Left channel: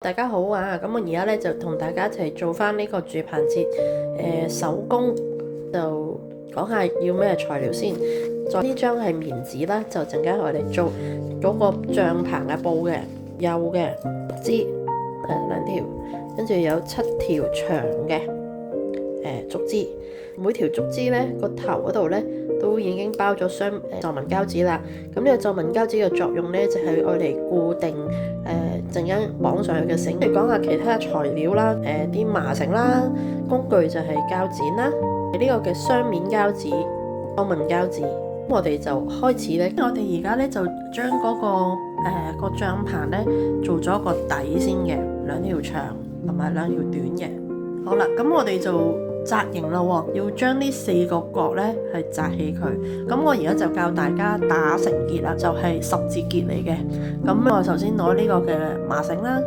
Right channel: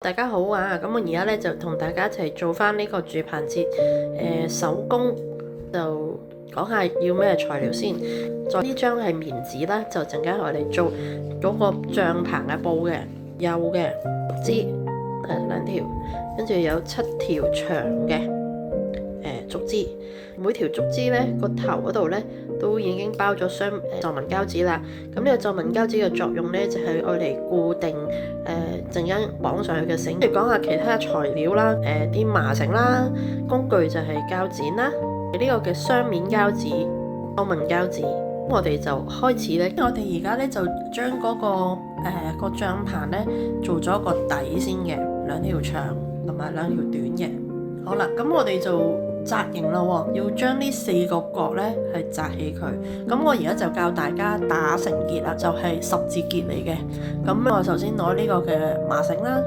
大家好啊！咁我而家咧就同大家一齊做翻呢個住棚節手工，就講下要咩材料先。再呢張係棉紙啦，就陣間我哋做嗰個帳棚嘅布嘅幼嘅竹枝2條，跟住有7條長嘅竹枝。每條竹枝咧個頭嗰度咧都已經包咗雙皺紋膠紙啦。咁呢個皺紋膠紙嘅作用咧就係愛嚟固定陣間綁上去嘅繩。嚟講下其他材料啦，啲麻繩啦，工具就係膠剪啦，呢個嘅雙面膠紙、皺紋膠紙。我哋就開始咧，我哋而家咧就將嗰個帳棚咧做咗個底先嘅，2條長同埋2條短嘅。好啦，咁我哋就紮型啦喎，要將呢4個角咧係紮起佢。咁我而家就教大家打成結啦，就係十字結嚟嘅。咁我首先攞呢個嘅麻繩啦，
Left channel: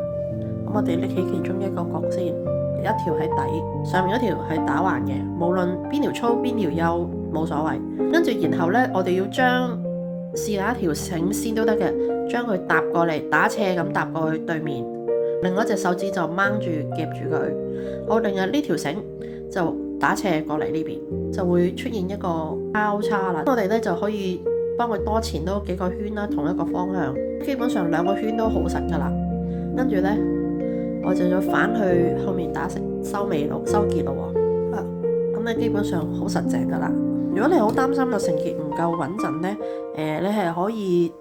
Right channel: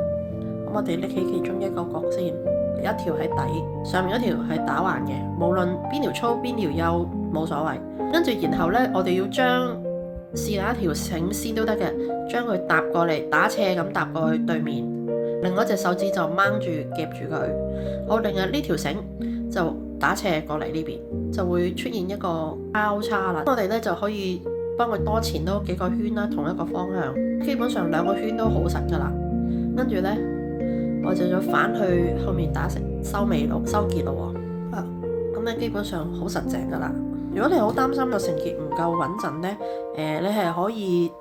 咁我哋拎起其中一個角先，一條喺底，上面嗰條係打橫嘅，無論邊條粗邊條幼冇所謂。跟住然後咧，我哋要將試下一條繩先都得嘅，將佢搭過嚟，打斜咁搭過去對面，另外一隻手指就掹住夾住佢。好，另外呢條繩就打斜過嚟呢邊，就會出現一個交叉啦。我哋咧就可以幫佢多纏多幾個圈啦，同一個方向，基本上2個圈都好實噶啦。跟住咧，我就要反去後面打成收尾路、收結路喎。咁咧基本上好實淨噶啦。如果你好擔心個成結唔夠穩陣咧，你係可以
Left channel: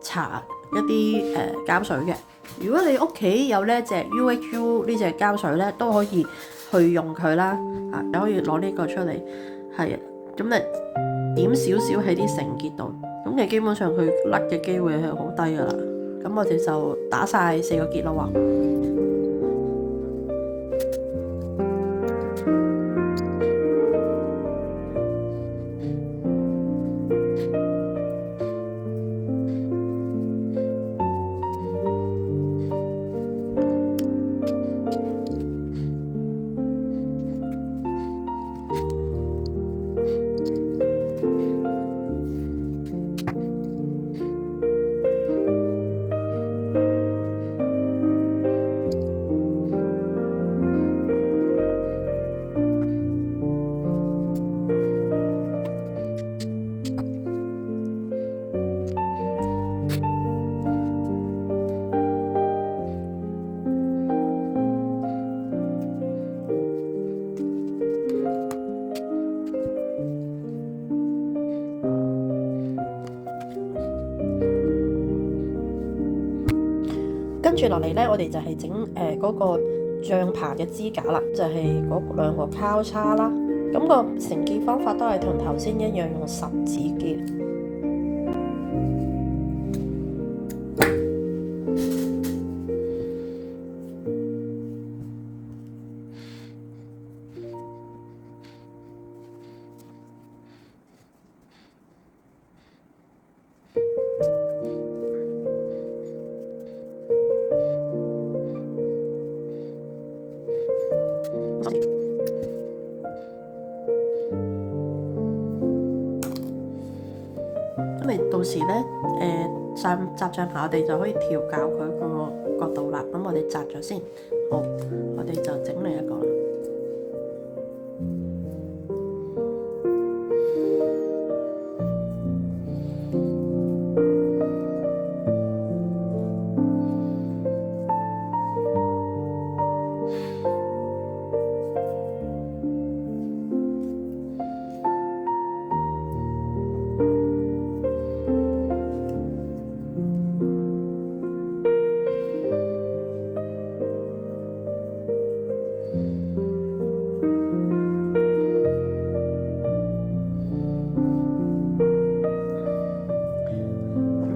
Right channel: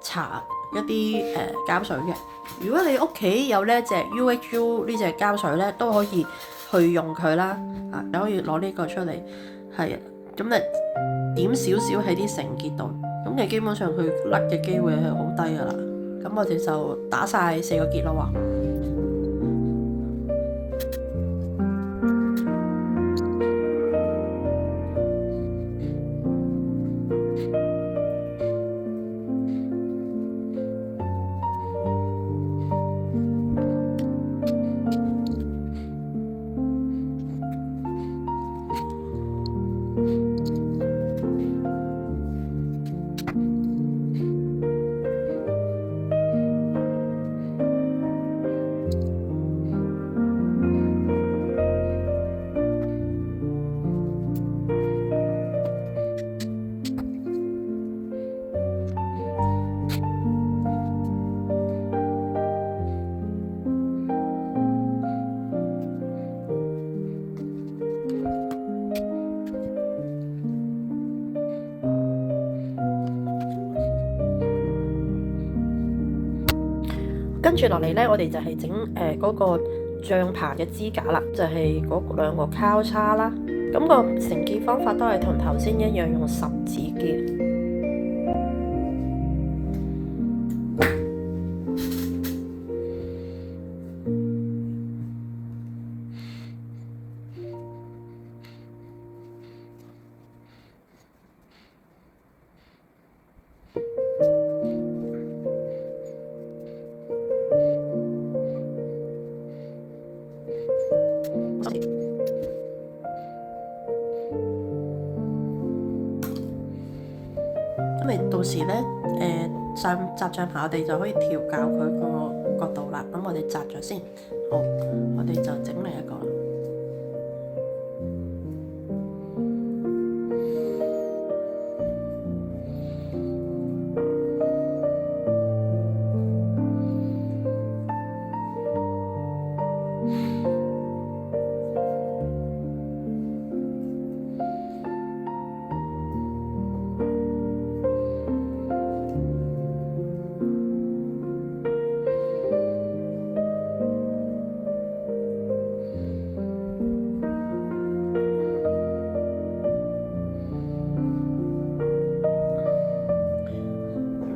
搽一啲膠水嘅。如果你屋企有呢隻 UHU 呢隻膠水咧，都可以去用佢啦。你可以攞呢個出嚟，係咁你點少少喺啲繩結度，咁你基本上佢甩嘅機會係好低噶啦。咁我哋就打晒4個結咯喎。跟住落嚟呢，我哋就係整嗰個帳棚嘅支架啦，就係嗰2個交叉啦。咁個成結方法都係同頭先一樣，用十字結。咁你到時咧，紮帳棚我哋就可以調校佢個角度啦。咁我哋紮咗先，好，我哋就整另一個啦。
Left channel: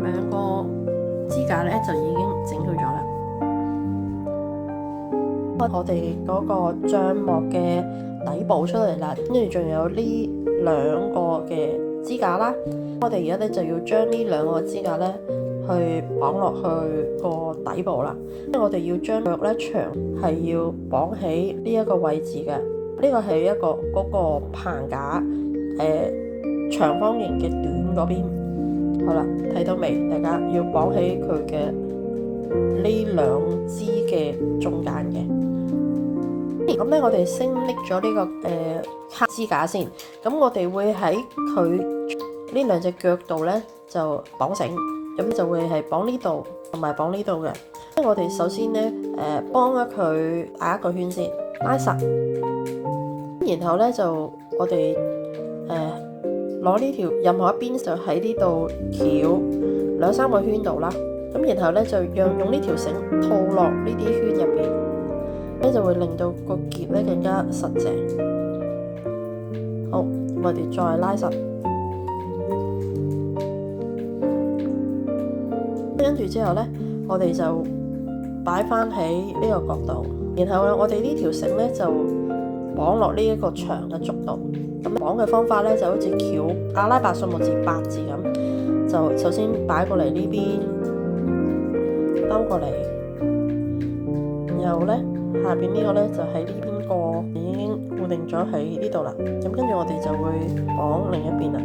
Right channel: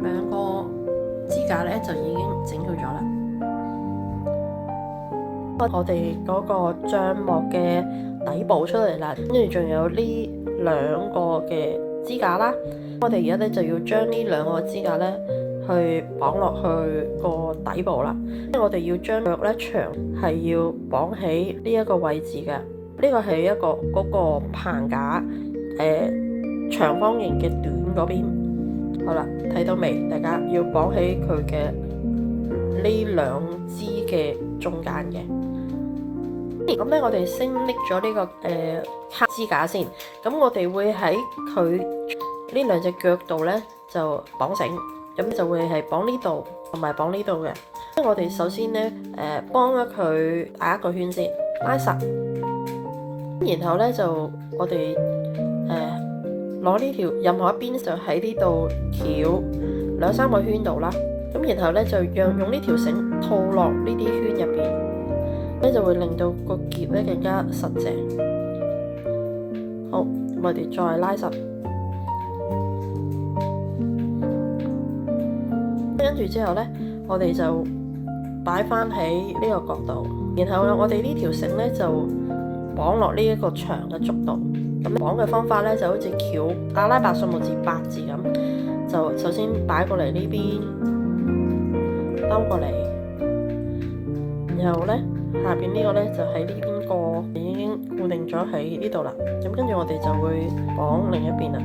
2個支架咧就已經整好咗啦。我哋嗰個帳幕嘅底部出嚟啦，跟住仲有呢2個嘅支架啦。我哋而家咧就要將呢2個支架咧去綁落去個底部啦。因為我哋要將腳咧長係要綁喺呢一個位置嘅。呢個係一個嗰個棚架長方形嘅短嗰邊。好啦，睇到未？大家要綁起佢嘅呢兩支嘅中間嘅。咁咧，我哋先拎咗呢個卡支架先。咁我哋會喺佢呢兩隻腳度咧就綁繩，咁就會係綁呢度同埋綁呢度嘅。我哋首先咧幫咗佢打一個圈先，拉實，然後咧就我哋攞呢條任何一邊就喺呢度翹2-3個圈度啦。咁然後咧就用呢條繩套落呢啲圈入邊，咧就會令到個結咧更加實淨。好，我哋再拉實，跟住之後咧，我哋就擺翻喺呢個角度，然後咧我哋呢條繩咧就綁落呢一個長嘅竹度。咁綁嘅方法咧就好似翹阿拉伯數目字8字咁，就首先擺過嚟呢邊，兜過嚟，然後咧下邊呢個咧就喺呢邊過，已經固定咗喺呢度啦。咁跟住我哋就會綁另一邊啦。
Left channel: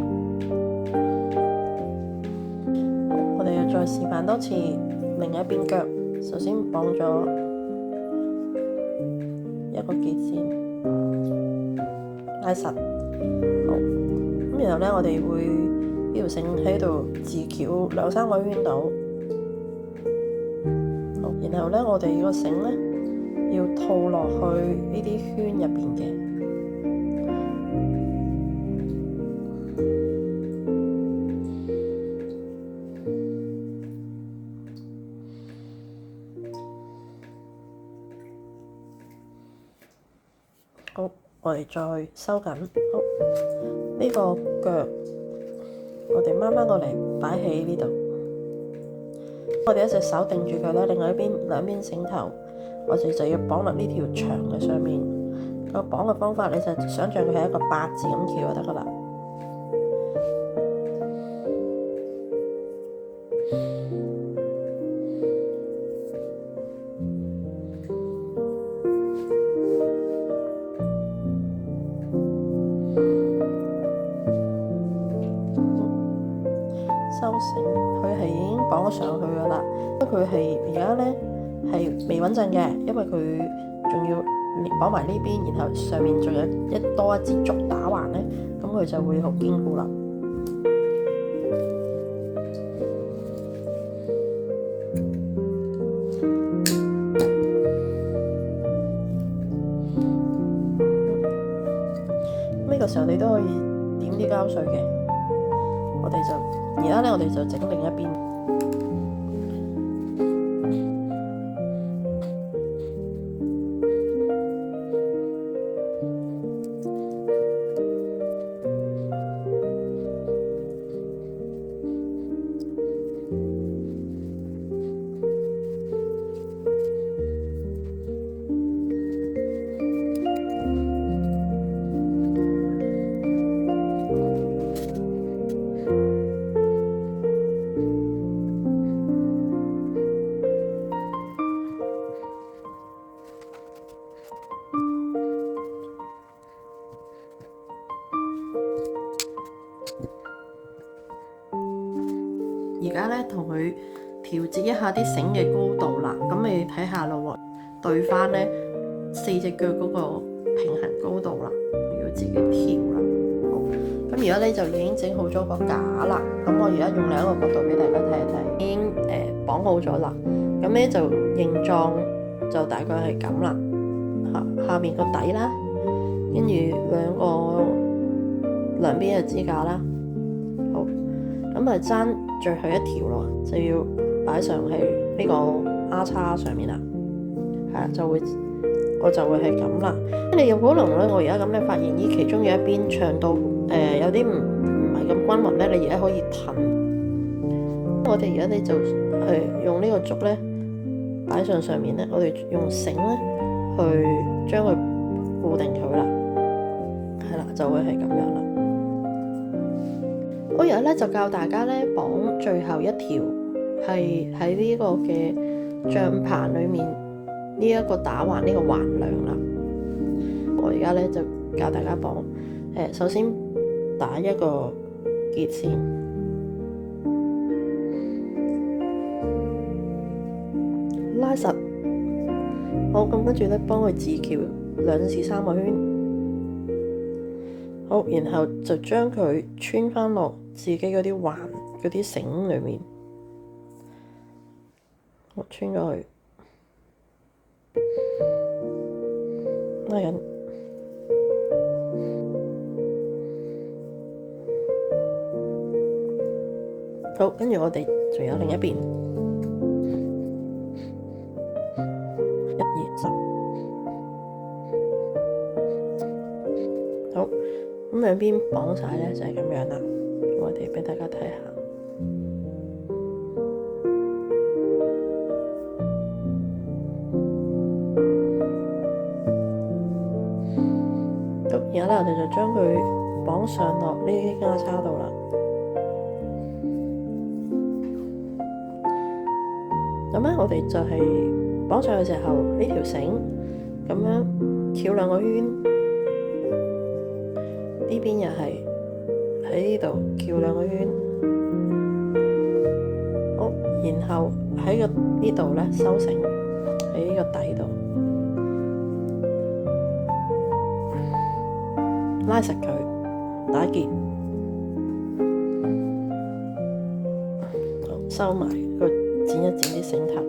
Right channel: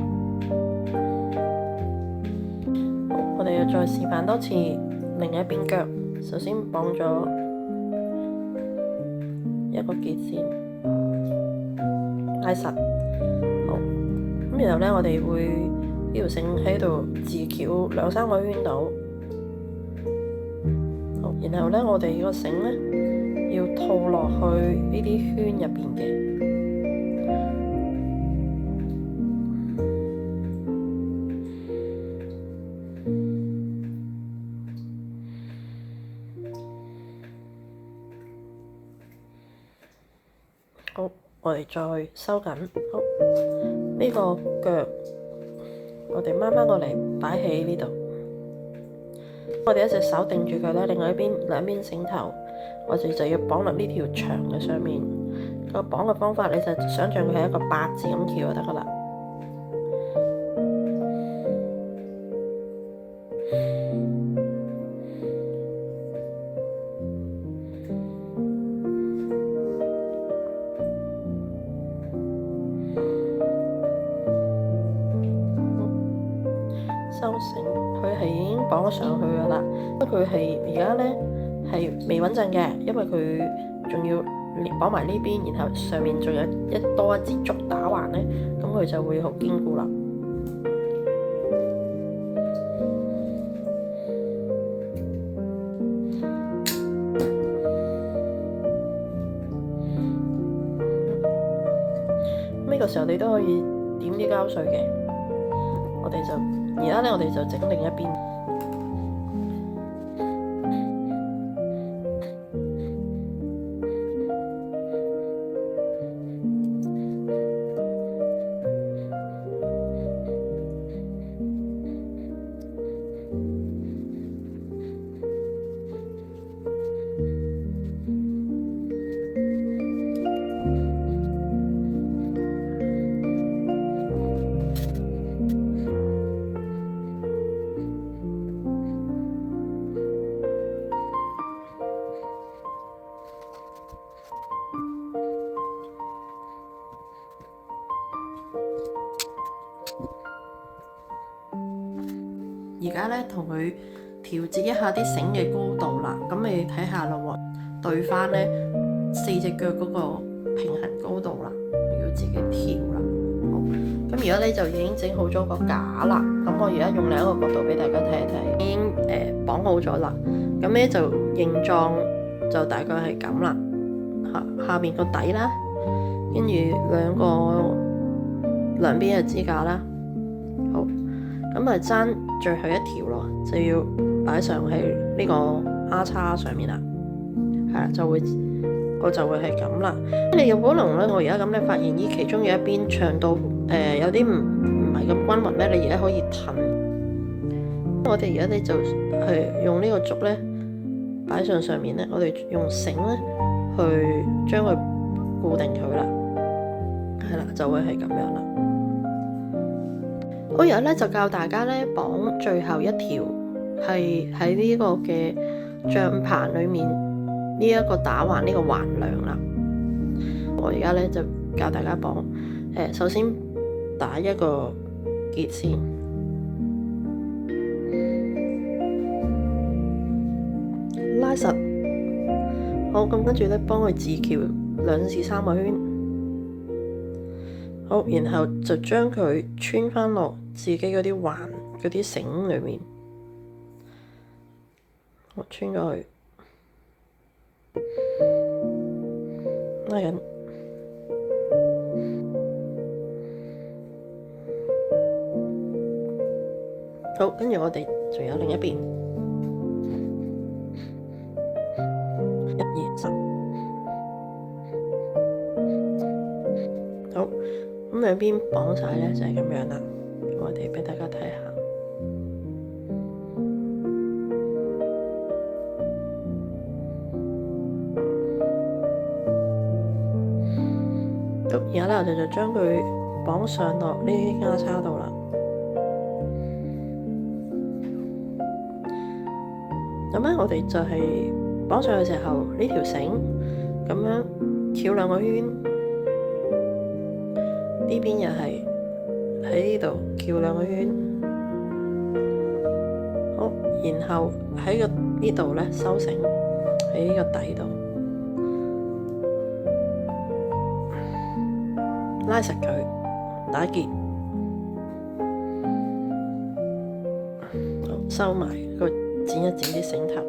好，我哋又再示範多次另一邊腳。首先綁咗一個結先，拉實。好，咁然後咧我哋會呢條繩喺度自翹2-3個圈度。好，然後咧我哋個繩咧要套落去呢啲圈入邊嘅。好，我哋再收緊。好，呢個腳我哋掹翻過嚟擺喺呢度。我哋一隻手定住佢啦，另外兩邊繩頭，我哋就要綁落呢條長嘅上面。個綁嘅方法，你就想像佢係一個8字咁翹就得噶啦。收繩，佢係已經綁咗上去噶啦。不過佢係而家咧係未穩陣嘅，因為佢仲要綁埋呢邊，然後上面仲有多一支竹打橫咧，咁佢就會好堅固啦。呢個時候你都可以點啲膠水嘅。而家咧，我哋就整另一邊。而家咧同佢調節一下啲繩嘅高度啦，咁你睇下咯喎，對翻咧4隻腳嗰個平衡高度啦，要自己調啦。好，咁而家咧就已經整好咗個架啦。咁我而家用另一個角度俾大家睇一睇，已經綁好咗啦。咁咧就形狀就大概係咁啦。下面個底啦，跟住兩邊嘅支架啦。好，咁啊爭最後一條咯，就要擺上去呢個 R 叉上面啦。係啦，我就會係咁啦。你有可能咧，我而家咁咧發現咦，其中有一邊長度有啲唔係咁均勻咧，你而家可以褪。我哋而家咧就用呢個竹咧擺上面咧，我哋用繩咧去將佢固定佢啦。係啦，就會係咁樣啦。我而家咧就教大家咧綁最後一條，係喺呢個嘅帳棚裏面呢一個打橫呢個橫梁啦。我而家咧就教大家綁，首先打一個結先，拉實。好，咁跟住咧，幫佢自翹2至3個圈。好，然後就將佢穿返落自己嗰啲環嗰啲繩裏面。我穿咗去，拉緊。好，跟住我哋仲有另一邊，1、2、3。好，咁兩邊綁晒咧就係咁樣啦。咁我哋俾大家睇下。咁而家咧，我哋就將佢綁上落呢啲孖叉度啦。咁咧，我哋就係綁上去嘅時候，呢條繩咁樣翹2個圈，呢邊又係喺呢度翹2個圈。好，然後喺呢度咧收繩喺呢個底度，拉實佢，打結，好，收埋個。剪一剪啲繩頭，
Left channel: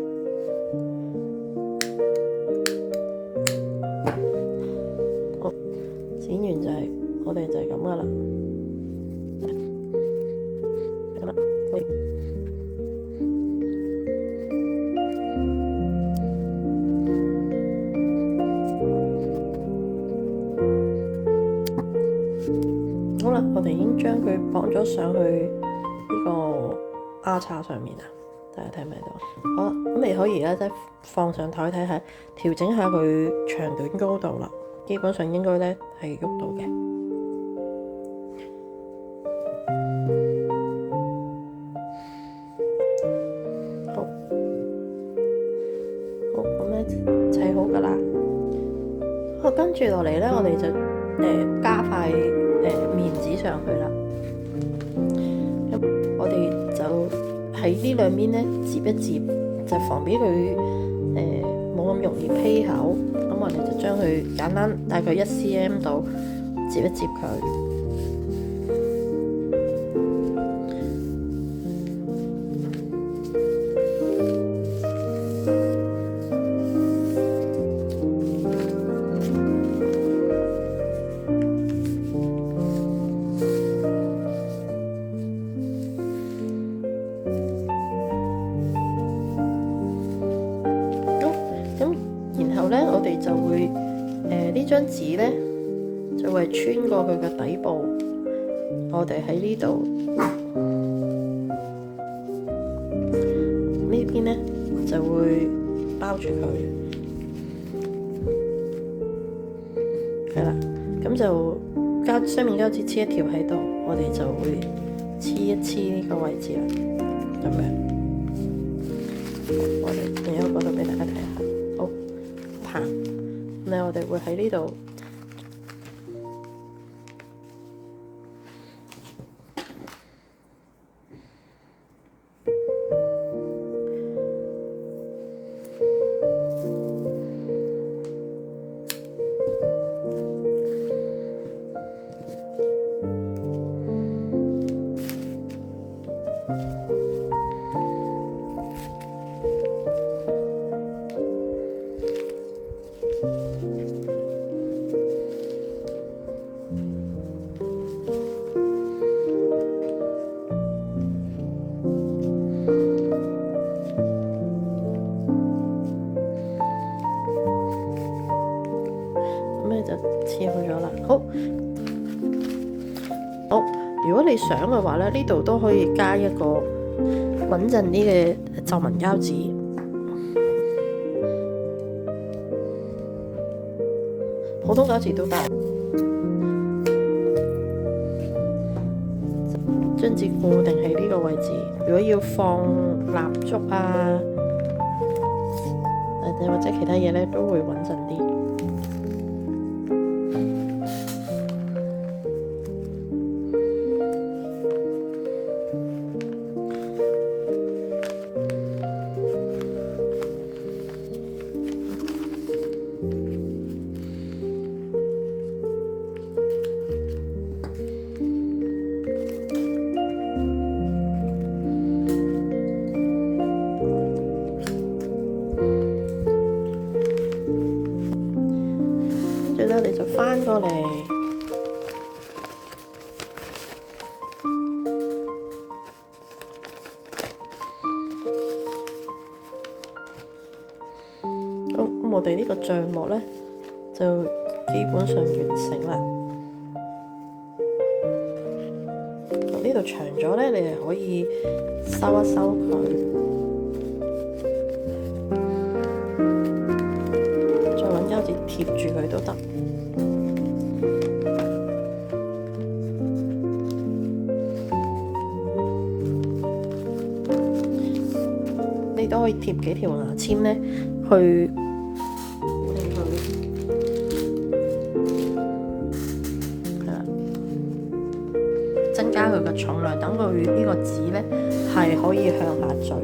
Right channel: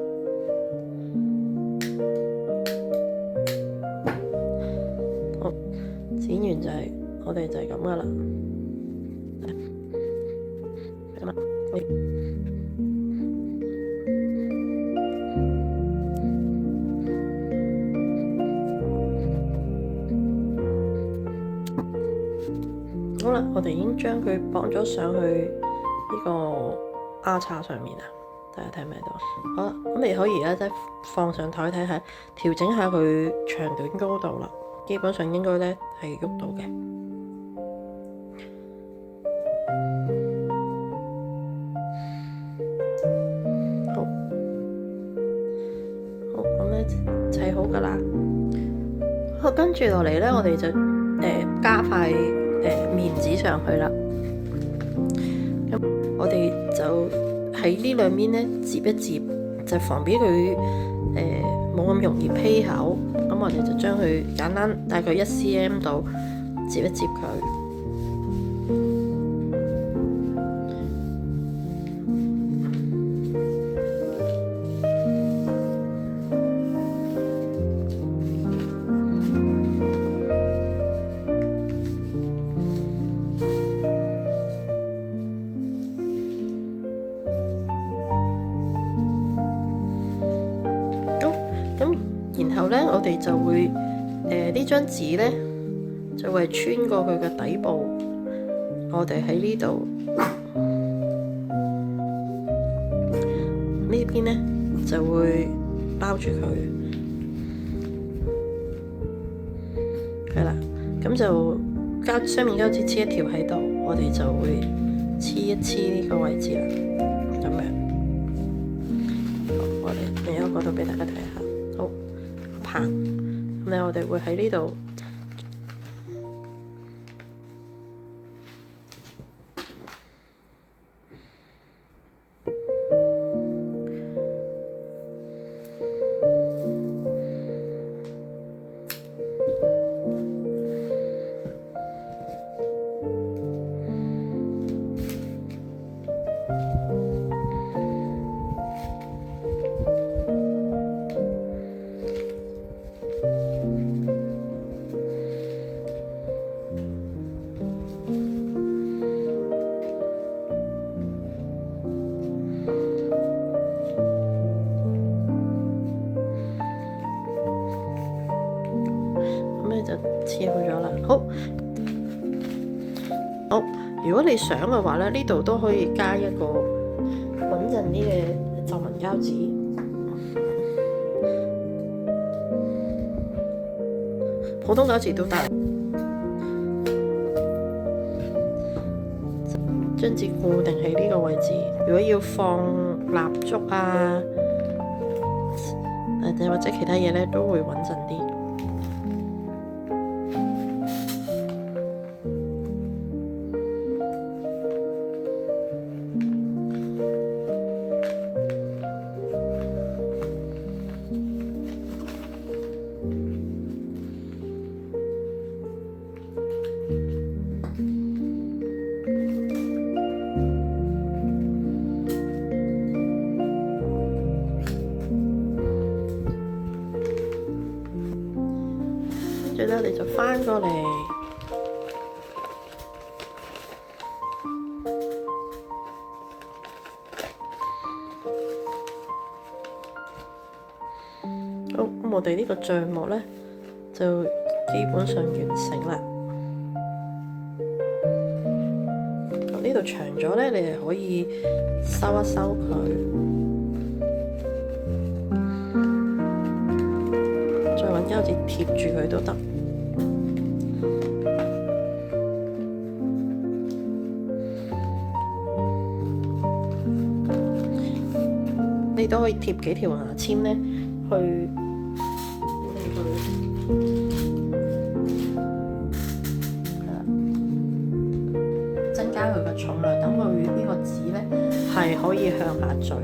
好，剪完就係我哋就係咁噶啦。好啦，我哋已經將佢綁咗上去呢個孖叉上面啦。大家睇唔睇到？好啦，咁你可以而家即係放上台睇下，調整下佢長短高度啦。基本上應該咧係喐到嘅。好，好，咁咧砌好噶啦。好，跟住落嚟咧，我哋就加塊面紙上去啦。咁我哋就喺呢兩邊咧，接一接，就防止佢冇咁容易披口。咁我哋就將佢簡單大概1 cm 度接一接佢。咁然後咧，我哋就會呢張紙咧就會穿過佢嘅底部，我哋喺呢度呢邊咧就會包住佢，係啦，咁就雙面膠紙黐一條喺度，我哋就會黐一黐呢個位置啦，咁樣。好，我哋另一個角度俾大家睇下。好，棒，咁咧我哋會喺呢度就黐好咗啦。好，如果你想嘅話咧，呢度都可以加一個穩陣啲嘅皺紋膠紙，普通膠紙都得。將紙固定喺呢個位置。如果要放蠟燭啊，或者其他嘢咧，都會穩陣啲。跟住咧你就翻過嚟，好，咁我哋呢個帳幕咧就基本上完成啦。呢度長咗咧，你係可以收一收佢，再揾膠紙貼住佢都得。你都可以貼幾條牙籤咧，去令佢係啦，增加佢嘅重量，等佢呢個紙咧係可以向下墜。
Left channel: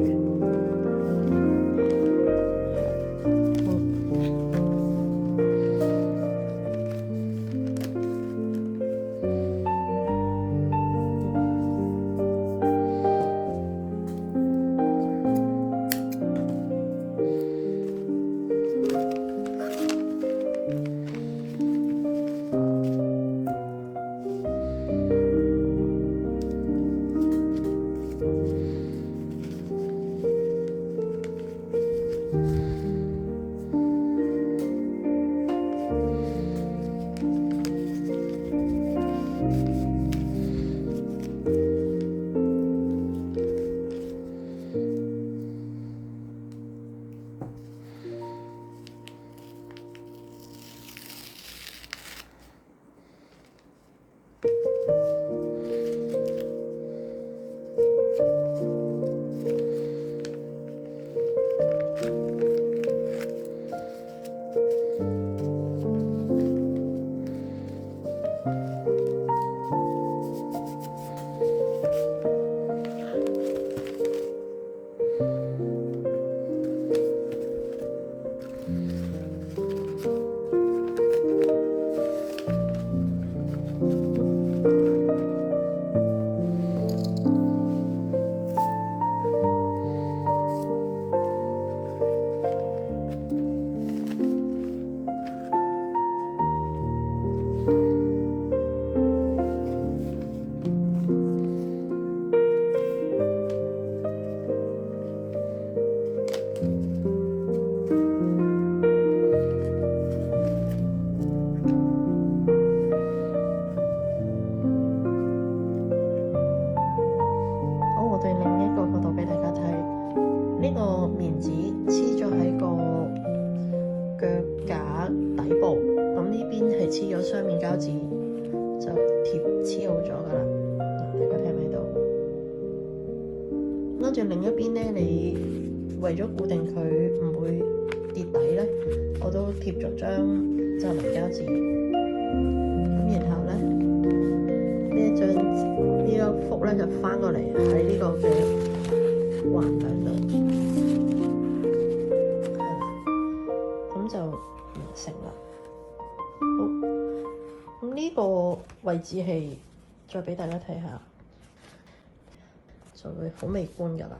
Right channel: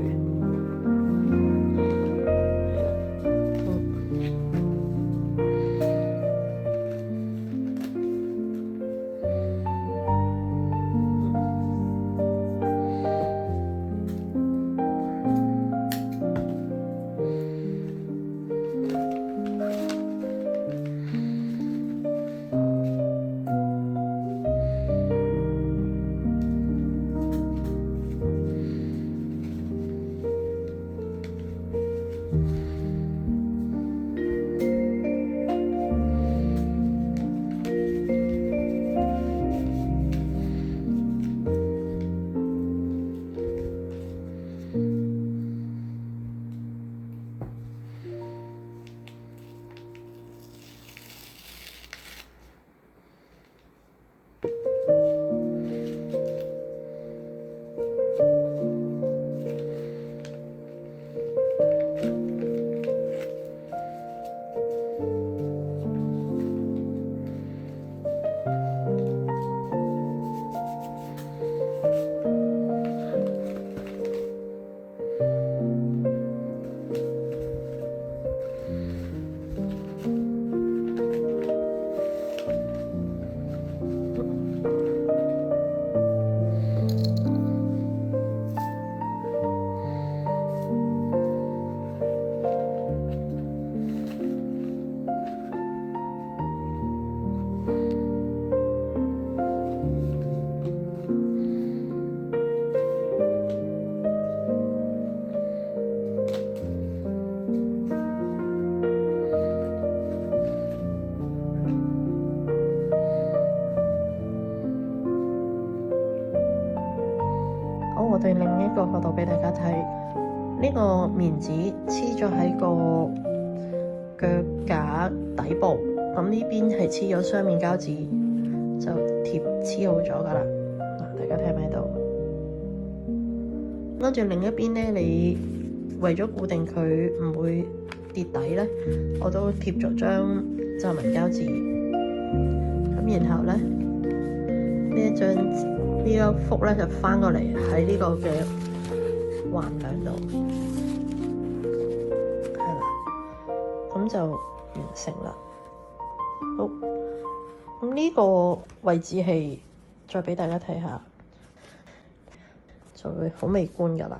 我哋另一個角度俾大家睇，呢個棉紙黐咗喺個腳架底部，咁呢邊係黐咗雙面膠紙，就黐好咗㗎喇。大家睇唔睇到？跟住另一邊咧，你為咗固定佢唔會跌底咧，我都貼咗張皺紋膠紙。咁然後咧，呢一幅咧就翻過嚟喺呢個嘅橫梁度，係啦，咁就完成啦。好，咁呢個位置係再俾大家睇下，就會好美觀㗎啦。